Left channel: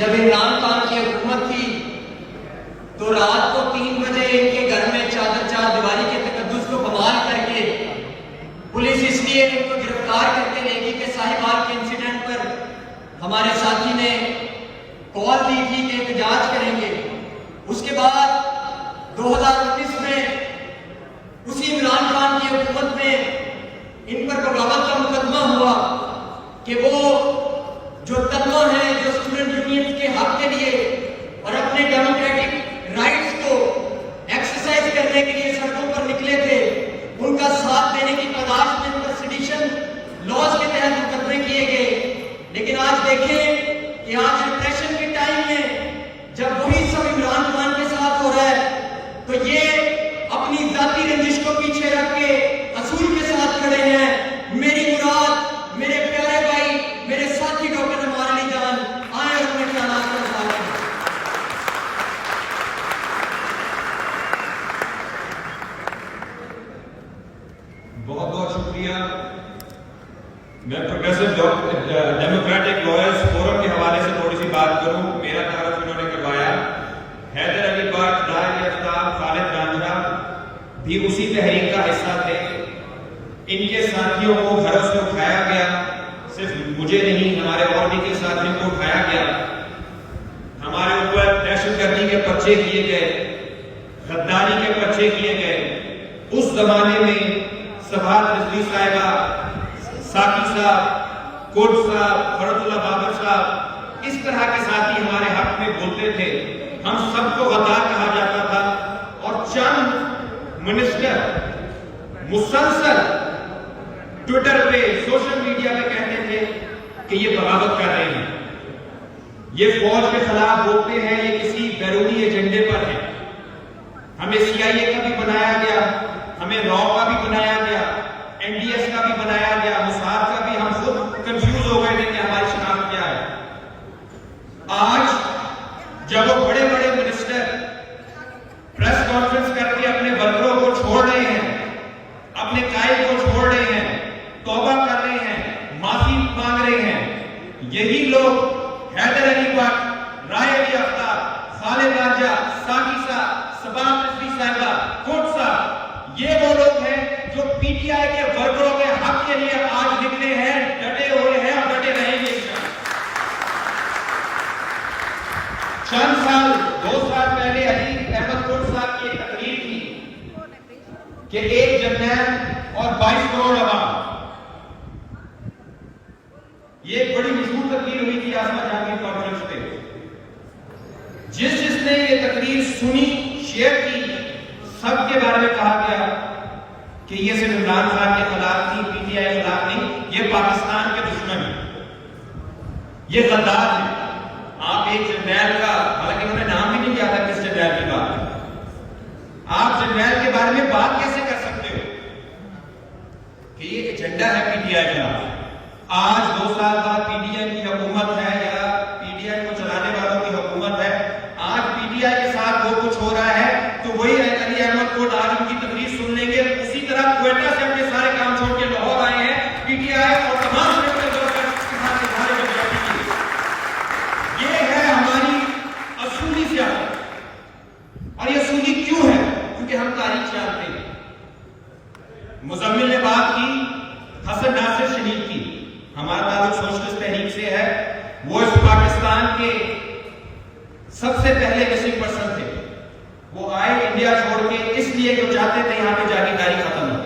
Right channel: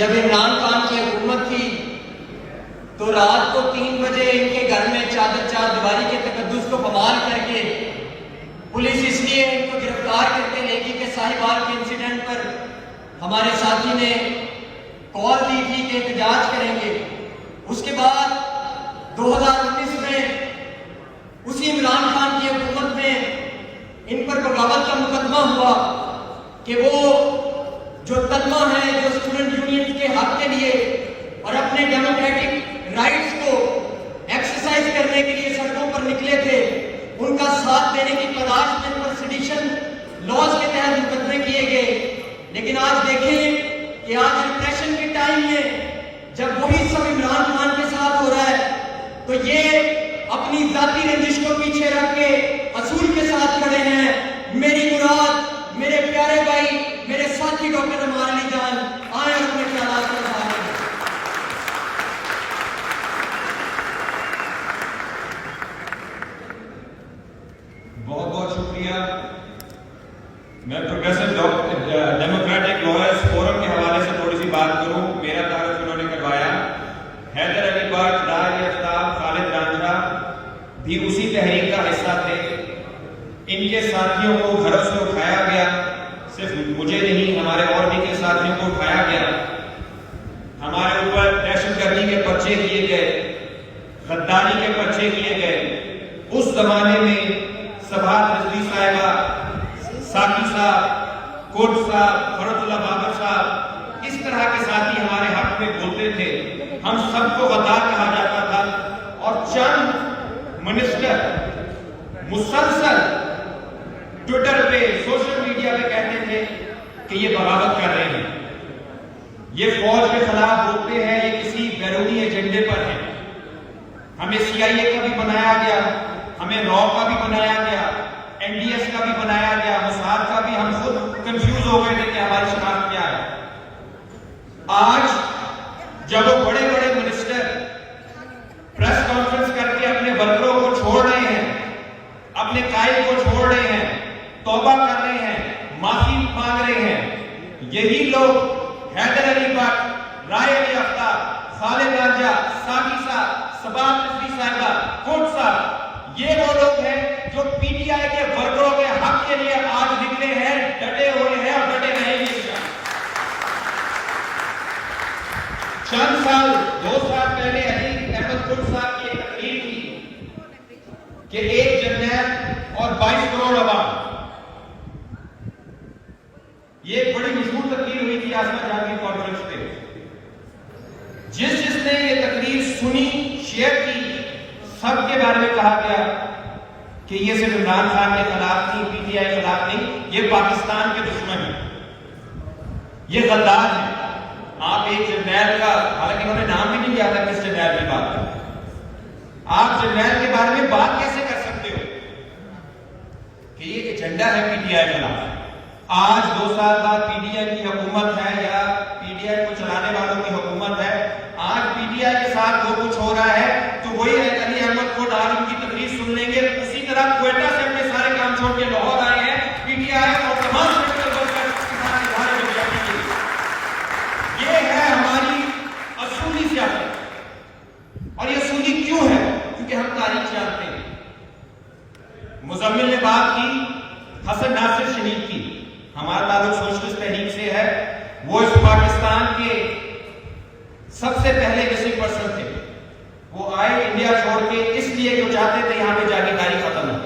جب عمران خان کی حکومت تھی تو رات کو 3 بجے ان کے گھر میں چار دیواری کے تقدس کو بمال کر کے پولیس اس لیے ان کو گرفتار کر کے لے گی کہ صاحبال کے انسیڈنٹ پر ہمارے ساتھی نے کال دی تھی کہ احتجاج کریں گے۔ اس کے بعد 2019 میں اسی عمران خان کی حکومت میں ان پر بغاوت کا مقدمہ ہوا کہ وہ جو تنوع ہے جو اسٹوڈنٹ یونین کے حق کے لیے اور اپنے ڈیموکریٹک رائٹس کو ایکسرسائز کرنے کے لیے سڑکوں پر نکلے تھے، ان کا ساتھ دینے کی تلاش میں ان پر سیڈیشن لاز کے تحت مقدمے کیے گئے۔ لیکن آج دیکھیں کہ آج ریپریشن کے ٹائم میں جب وہی سب عمران خان کے ساتھ ہو رہا ہے تو یہ اپنی ذاتی رنجش کو پیچھے رکھ کے اصول کے ساتھ کھڑے ہیں۔ میری مراد میرے پیارے بھائی، میرے ساتھی ڈاکٹر عمار علی جان آئے اور اپنے خیالات کو بتا رہے ہیں۔ بہت بہت شکریہ۔ میں پروگریسو ڈیموکریٹک لائرز فورم کے حوالے سے تھوڑی سی بات کروں۔ میرا تعارف انہوں نے کروایا۔ حیدر علی بٹ، راج آفتاب، خالد رانجھا بھی اسی تحریک کا حصہ تھے۔ ان کے ساتھیوں کو گھروں سے اٹھایا گیا، صرف مجھے نہیں ہمارے اور بھی کے ساتھیوں کو اٹھایا گیا، ہمارے اوپر دہشت گردی کے پرچے کیے گئے، غداری کے پرچے کیے گئے۔ اس زمانے میں سبحات رضوی صاحبہ، ساقی صاحب، کوٹ صاحب، فرت اللہ بابر صاحب، اس طرح کے ساتھی ہمارے حق میں بولتے تھے۔ ہم سب کو غدار کہا جاتا تھا اور چند منسٹر مسلسل ٹویٹر پہ، سوشل میڈیا پہ کہتے تھے کہ یہ بغاوت کر رہے ہیں، یہ فوج کے خلاف بولتے ہیں، یہ کسی بیرونی ایجنڈے پر ہے۔ ہمیں CIA کا بھی بنایا گیا، ہمیں رو کا بھی بنایا گیا، NDS کا بھی بنایا گیا، موساد کا بھی۔ ہم خود کنفیوز ہو گئے تھے کہ ہماری شناخت کیا ہے۔ آج جب وہ بڑے بڑے منسٹر پریس کانفرنس کر کے اپنے ورکروں کو چھوڑ رہے ہیں، اپنے قائد کو چھوڑ رہے ہیں، توبہ کر رہے ہیں، معافی مانگ رہے ہیں، یہی لوگ حیدر علی بٹ، رائے علی آفتاب، خالد رانجھا، ساقی صاحب، سبحات رضوی صاحبہ، کوٹ صاحب، یہ وہ لوگ ہیں جو PTI کے ورکروں کے حق کے لیے آج نکلے ہیں، ڈٹے ہوئے ہیں اور ڈٹے رہیں گے۔ چند سال، 2 سال پہلے علی احمد کوٹ صاحب کی ایک تقریر تھی کہ 1 جرنیل اور 22 کروڑ عوام۔ یہ ایک بڑی مشہور تقریر ہوئی تھی آسما جہاں کی کانفرنس پہ۔ جس نے یہ تقریر سنی، شیئر کی، سب کے بارے میں کہا گیا کہ یہ صرف عمران خان کے خلاف نہیں، PTI کے خلاف نہیں، یہ پاکستان کے دشمن ہیں، یہ غدار ہیں۔ آپ ایک جرنیل کا، حالانکہ انہوں نے نام بھی نہیں لیا تھا کس جرنیل کی بات کریں، آپ جرنیل کے بارے میں بات کیسے کر سکتے ہو کہ یہ ایجنڈا ہے PTI کا؟ آج 2 سال بعد PTI کی حکومت ہے یا PTI کو چلانے والوں کی حکومت ہے، آج PTI کے ساتھ وہ کچھ ہو رہا ہے تو وہی علی احمد کوٹ آج ان کی تقریر سن لیں گے۔ اسی طرح کوئٹہ سے اپنے سارے کام چھوڑ کے لاہور آئے ہیں PTI اور تمام اصولی سیاست۔ اور یہ اصولی کیوں ہے؟ کیونکہ ہم تاریخ جانتے ہیں۔ مزمل نے بات کی حسن ناصر شہید کی، ہمارا تعلق سوشلسٹ تحریک سے ہے، وہ اس پاکستان کے سب سے پہلے مسنگ پرسن تھے۔ وہ آئے انڈیا چھوڑ کے اس لیے کہ چاہتے تھے یہاں پہ جاگیرداری ختم ہو،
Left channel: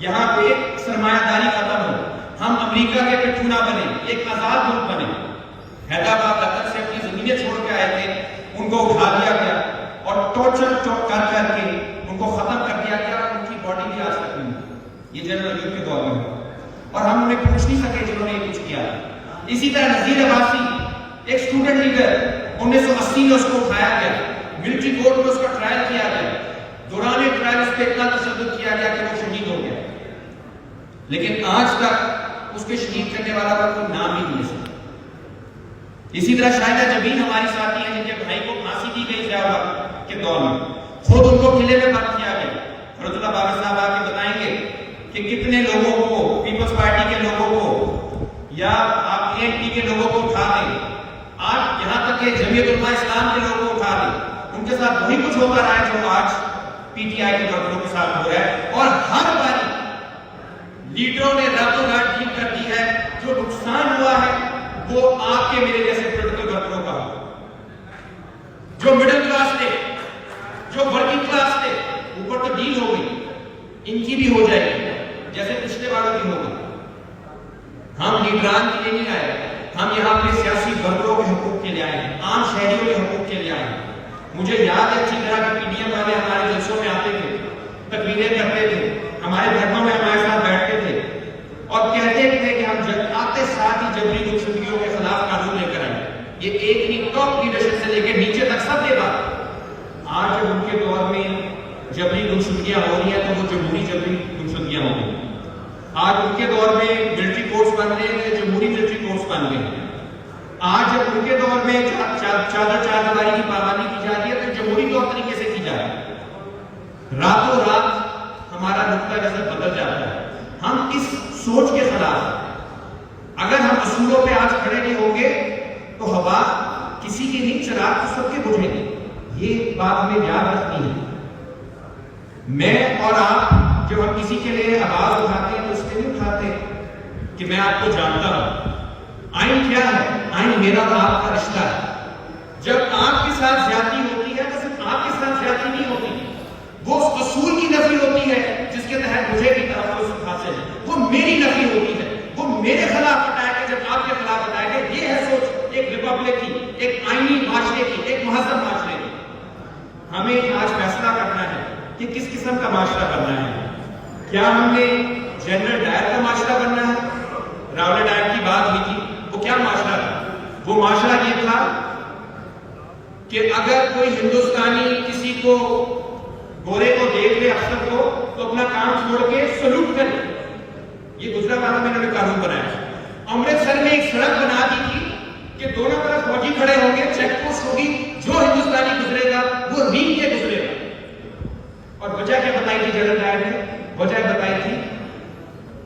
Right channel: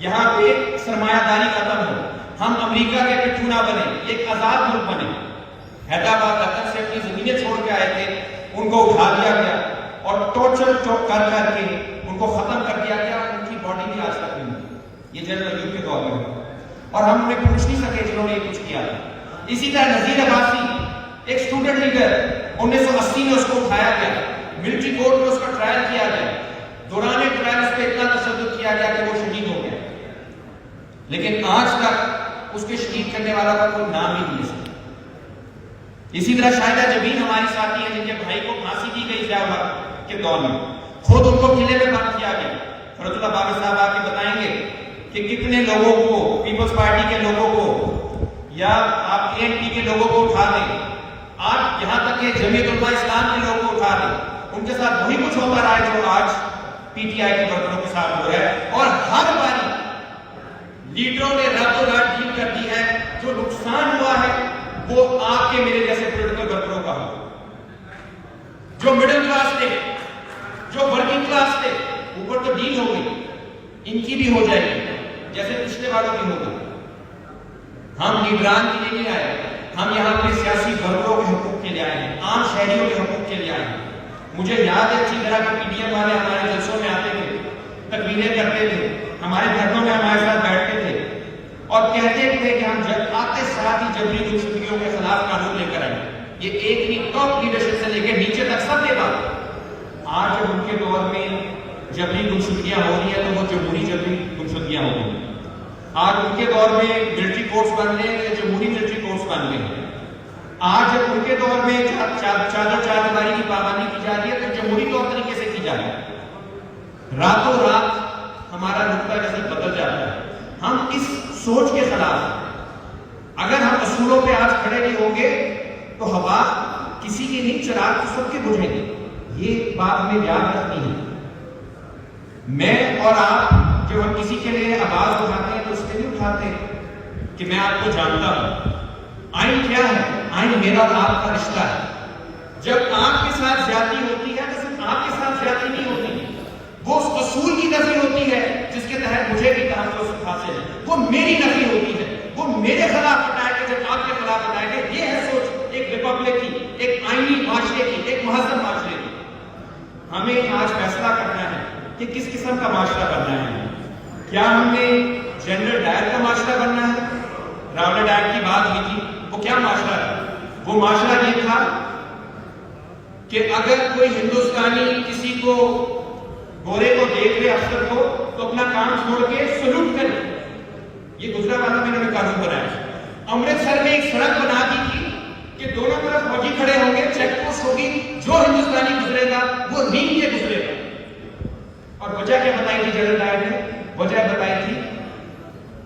یہاں پہ سرمایہ داری ختم ہو، ہم امریکہ کے پٹھو نہ بنے، ایک آزاد ملک بنے۔ حیدرآباد لندن سے اپنی زمینیں چھوڑ کے آئے تھے، ان کو اٹھا دیا گیا اور ٹورچر کر کے ان کو ختم کر دیا گیا، ان کی باڈی بھی آج تک نہیں ہوئی۔ یہ جنرل ایوب کے دور میں اور ہم انہیں پوچھ نہیں سکے جنہوں نے یہ کچھ کیا۔ اسی طرح نذیر عباسی ایک اسٹوڈنٹ لیڈر، 1980 میں اس کو اٹھایا گیا، ملٹری کورٹ میں اس کا ٹرائل کیا گیا، دوران ٹرائل اس پہ اتنا تشدد کیا گیا کہ وہ شہید ہو گیا، لیکن آج تک اس کے شہید کرنے والا کا کوئی نام ہی نہیں ہے۔ اسی طرح شاہدہ جبین ہماری ساتھی ہیں جن کے بھائی کو پھانسی دی گئی ضیاء الحق کے دور میں، خود ان کو قلعے میں بند کیا گیا۔ فرت اللہ بابر صاحب آ کے بتائیں گے کہ کتنے لوگوں کو، پیپلز پارٹی کے لوگوں کو یا آپ ANP کے لوگوں کو اٹھا دیں۔ آج یہاں تک کے جمعیت علماء اسلام کے لوگوں کو اٹھا دیں، ان کے ساتھ وہی کچھ ہوتا رہا ہے جو آج پی ٹی آئی کے ورکروں کے ساتھ ہو رہا ہے، اور ہر باری لیڈروں نے راتوں رات ڈیل کر دی ہے، جو نقصان ہوا ہے وہ آپ کے میرے جیسے پولیٹیکل ورکروں کا ہوا، جو مڈل کلاس تھے، جو ورکنگ کلاس تھے، اوپر تو ڈیل ہو گئی، ان کی بھی ہو جائے گی جیسے پچھلے والوں کی ہو گئی۔ ہم لیڈران کے لیے نہیں آئے، ہم یہاں پہ سیاسی ورکروں کے حقوق کے لیے آئے ہیں، عام شہریوں کے حقوق کے لیے آئے ہیں۔ مجھے یاد ہے اچھی طرح کہ پی ڈی ایم والے ہمارے جلسوں میں آتے تھے، تقریریں کرتے تھے، ہمارے دھرنوں میں ہمارے ساتھ بیٹھتے تھے اور کہتے تھے کہ ہم جب آتے ساتھ ہی جبری گمشدگیوں کے خلاف قانون لے کر آئیں۔ یہ ایک ہی ٹاپ لیڈرشپ سے لے کے نیچے تک سب یہ بات۔ آج جب ان کے دور میں جبری گمشدگیاں ہو رہی ہیں تو وہ جمہوری جبری گمشدگیاں ہو رہی ہیں۔ آج ان کے دور میں ملٹری کورٹس بن رہے ہیں، جمہوری ملٹری کورٹس بن رہے ہیں۔ آج جب ان کے دور میں چادر چاردیواری کی پابندی کی جا رہی ہے تو جمہوری طور طریقے سے کی جا رہی ہے۔ راتوں رات ہمارا نقطہ نظر بدل جاتا ہے۔ ہم اس سوچ کے خلاف ہیں۔ اگر ہم اصولوں پہ آج کھڑے نہیں ہوں گے تو ہوا کسی کی نہیں، چراغ تو سب کے بجھیں گے۔ یہ بات ہمیں یاد رکھنی ہے۔ میں اور آپ جب ہم کسی کے لیے آواز اٹھاتے ہیں تو اس لیے نہیں اٹھاتے کہ میں آپ کو جانتا ہوں۔ آئین کیا ہے؟ آئین میرا اور آپ کا رشتہ ہے۔ جب آپ کے ساتھ زیادتی ہوتی ہے تو صرف آپ کے ساتھ زیادتی نہیں ہوتی، وہ اس اصول کی نفی ہوتی ہے جس کے تحت مجھے بھی تحفظ حاصل ہے، وہ میری نفی ہوتی ہے، وہ میرے خلاف بتائے گا جب آپ کے خلاف بتائے گا۔ یہ ہے سوچ ایک ریپبلک کی، ایک آئینی معاشرے کی، ایک مہذب معاشرے کی۔ ہمیں آج فیصلہ کرنا ہے کہ کس قسم کا معاشرہ بننا ہے۔ کیا ہم نے جنرل ڈائر کا معاشرہ بننا ہے؟ راولٹ ڈائر کی بات ہوئی تھی، وہ کیا معاشرہ تھا؟ وہ معاشرہ یہ تھا کہ اگر کوئی ہندوستانی کسی کو گورے کو دیکھ لے، افسر کو، تو اپنا کام چھوڑ کے سلوٹ کرے۔ یہ گجرات والا میں نے قانون بنایا۔ امرتسر میں ایک سڑک بنا دی تھی کہ دونوں طرف فوجی کھڑے ہوں گے، چیک پوسٹ ہوگی، جو ہندوستانی گزرے گا وہ رینگ کے گزرے گا۔ اور وجہ کیا بتائی تھی جنرل ڈائر نے؟ وجہ بتائی تھی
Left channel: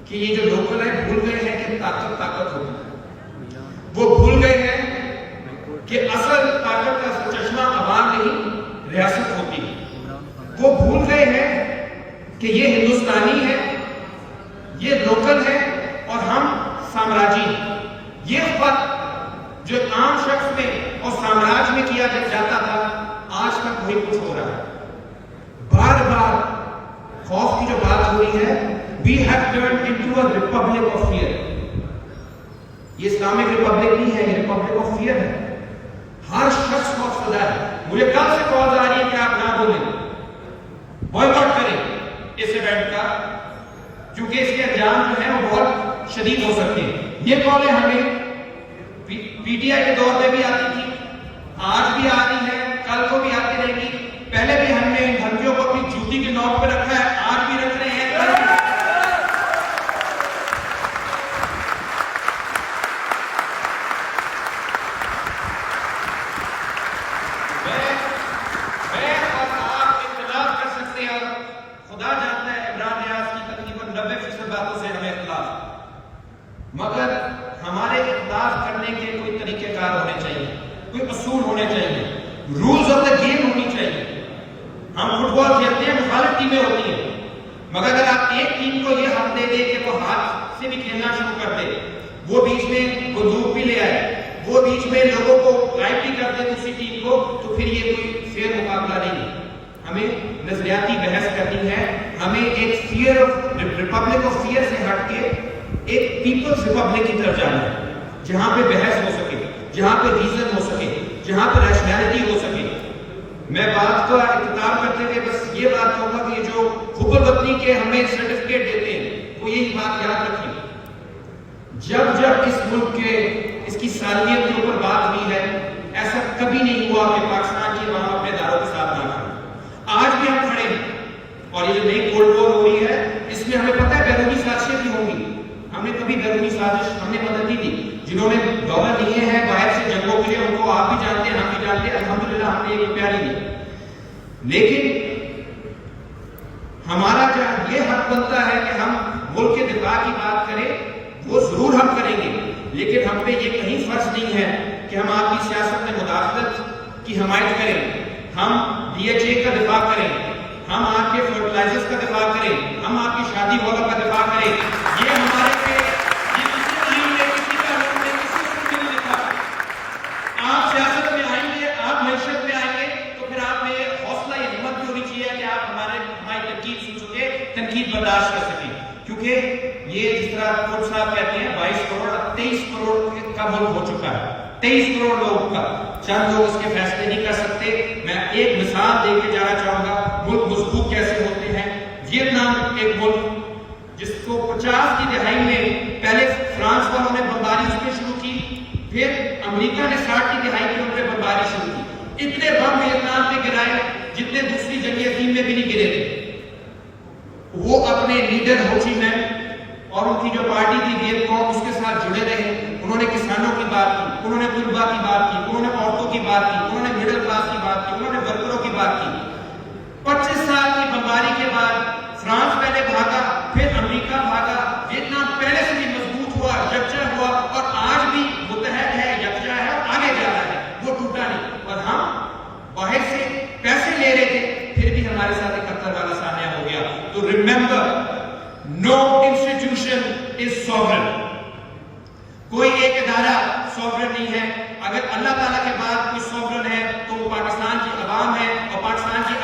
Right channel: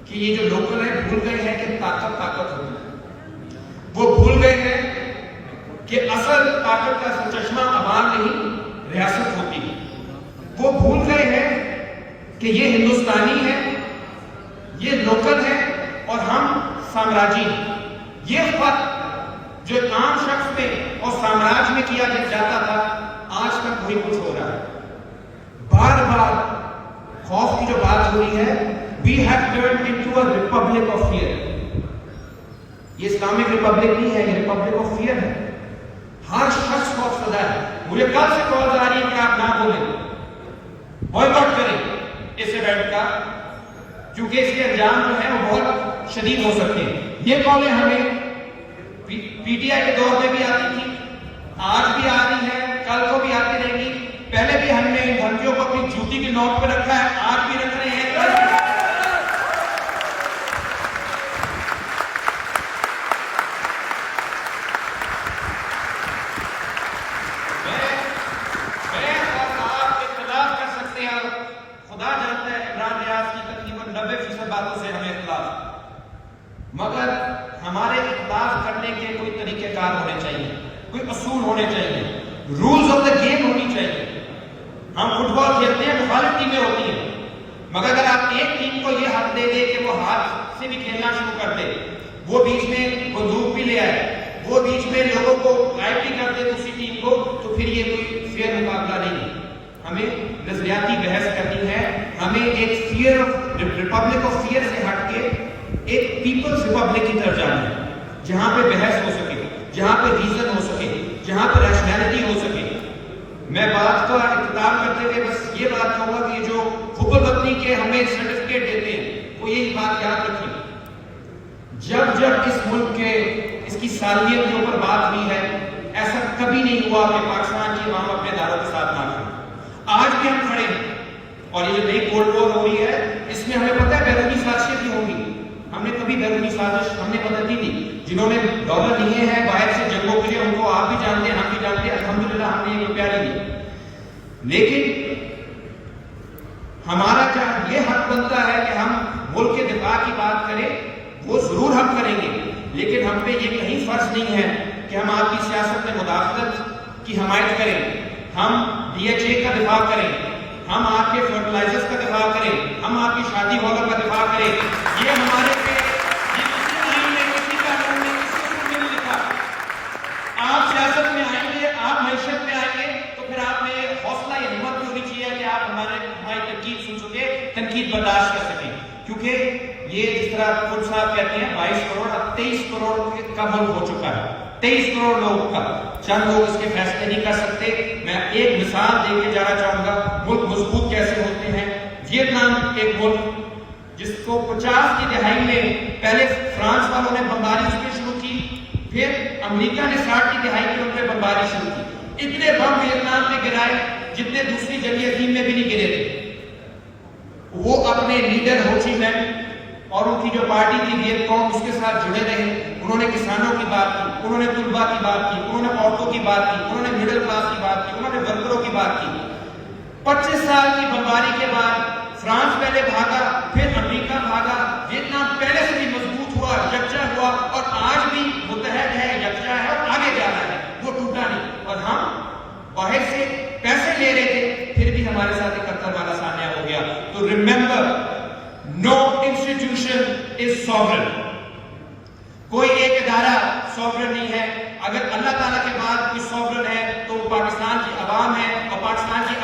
کہ یہ جو لوکل ہے بھول گئے ہیں کہ طاقت ہوتی ہے، وہ بھول گئے ہیں کہ اصل طاقت کا چشمہ عوام نہیں ریاست ہوتی ہے، وہ بھول گئے ہیں کہ یہ ہندوستانی ہے، یہ لوکل ہے اور ہم سامراجی ہیں۔ یہ فرق جو عام شخص میں اور سامراج میں کیا جاتا تھا آج تک وہی کچھ ہو رہا ہے۔ بار بار خوف کی جو بات ہو رہی ہے، we have turned into a republic of fear۔ یہ اسلامک ریپبلک نہیں ہے، یہ ریپبلک آف فیئر ہے۔ ہر شخص خوف زدہ ہے۔ مجھے کل سے کال آ رہی ہے کہ آپ نہ بولیں، بوائکاٹ کریں اس ایونٹ کا، کیونکہ اس کے انجام جو ہیں وہ بہت شدید ہو سکتے ہیں۔ یہ کالیں ہمیں پی ٹی آئی کے دور میں بھی آتی تھی، آج بھی آ رہی ہے، کل کو بھی آتی رہے گی۔ پہلے بھی ہم نے ان دھمکیوں کو اپنی جوتی کی نوک پہ رکھا ہے، آج بھی رکھ رہے ہیں۔ میں اور آپ اختلاف کر سکتے ہیں، خدا جانتا ہے عمران ریاض کی تقریباً 90% باتوں سے ہمیں اختلاف، مگر ہمارے اختلاف کرنے کے کوئی طریقہ کار ہونے چاہیے، کوئی اصول ہونے چاہیے، رولز آف دا گیم ہونی چاہیے۔ ہم فٹ بال کھیلتے ہیں، مخالف ٹیمیں ہوتی ہیں، مگر اگر آپ ایک ٹیم کو یہ حق دے دے کہ وہ ہاتھ سے بھی کھیلنا شروع کر دے، وہ بیچ میں بندوق بھی لے آئے، وہ بیچ میں لوگوں کو لائٹ بھی کر دے دوسری ٹیم کو، تو پھر یہ کوئی فیئر مقابلہ نہیں ہے۔ ہمیں نظریاتی بحث کرنی ہے، ہمیں ایک fear of republic of fear سے ہٹ کے ایک پیپلز ریپبلک کی طرف جانا ہے، جہاں پہ بحث ہو سکے، جہاں پہ ریزن ہو سکے، جہاں پہ ریشنلٹی ہو سکے۔ میں بات کا اختتام کرتے ہوئے بس یہ بات کہوں گا کہ جو حب الوطنی کے ہمیں سرٹیفکیٹ دیتے ہیں وہ یہی بات یاد رکھیں، جب جب اس ملک کے اس کی سالمیت کے اوپر بات ہوئی ہے، ایسا کبھی نہیں ہوا کہ پاکستان کی عوام اپنے داروں کے ساتھ نہ کھڑے۔ آج بھی ہم کھڑے ہیں، اور یہ جو نئی کولڈ وار ہو رہی ہے اس میں ہمیں پتہ ہے بیرونی سازشیں بھی ہوں گی۔ ہم نے کبھی بیرونی سازش ہم نے مدد نہیں دی، جنہوں نے دولت لیے ہیں باہر سے جنگوں کے لیے، ان کو آپ بھی جانتے ہیں، ہم بھی جانتے ہیں، الحمدللہ ہم نے ایک روپیہ نہیں دیا۔ لیکن ہمارا کیا یہ حق بنتا ہے کہ ہم ملک کے دفاع کی بات کریں، وہ ضرور ہم کریں گے، لیکن ہم پہ یہ کہیں فرض نہیں ہے کہ کہ ہم آپ کی سیاست میں مداخلت کی حمایت کریں، ہم DHA کا دفاع کریں، ہم آپ کے فرٹیلائزرز کا دفاع کریں، ہم آپ کی شادی ہالوں کا دفاع کریں. یہ ہمارے پہ یہ کسی آئین میں کسی قانون میں کسی حکم میں نہیں لکھا. آپ سیاست میں آئیں گے، آپ معیشت میں آئیں گے تو پھر آپ میں حوصلہ یا ہمت بھی ہونی چاہیے کہ آپ ہماری تنقید سن سکے، تنقید برداشت کر سکیں. کیونکہ یہ جس طرح خود صاحب کہتے ہیں 22 کروڑ اب 23 کروڑ کا ملک ہو چکا ہے. 23 کروڑ لوگ کا چند لوگ اس کے فیصلے نہیں کر سکتے. میں ایک مثال دے کے جانا چاہوں گا ملک مضبوط کیسے ہوتے ہیں. ویتنام ایک ملک جس کو 50 کی دہائی میں پہلے فرانس والوں نے بمباری اس پہ شروع کی، پھر امریکہ نے 60 کی دہائی میں ان پہ بمباری شروع کی. اتنے بم ویتنام پہ گرائے جتنے دوسری جنگ عظیم میں بھی نہیں گرے تھے. وہ اپنے لیڈر ہو چی مین اور ان کی جو پارٹی تھی ویت کانگ اس کے ساتھ جڑے رہے. انہوں نے کسانوں کی بات کی، انہوں نے طلباء کی بات کی، انہوں نے عورتوں کی بات کی، انہوں نے مڈل کلاس کی بات کی، انہوں نے ورکروں کی بات کی. 25 سال کی بمباری کے بعد فرانس پہلے بھاگا، پھر امریکہ بھاگا، ویتنام پہلے سے بھی مضبوط ہوا، یکجا ہوا اور آج بھی متحد ہے، یکجا ہے اور آگے جا رہا ہے. وہ ٹوٹا نہیں. اور ہم باہر سے پیسے لے رہے تھے پھر بھی ہمارے ساتھ ایک خطر والا سامنا ہو گیا. تو remember, no institution is sovereign. کوئی ایک ادارہ سوورن نہیں ہے. اگر اللہ تعالیٰ کے بعد کوئی سوورن ہے تو وہ پاکستان کی عوام ہے اور پاکستان کی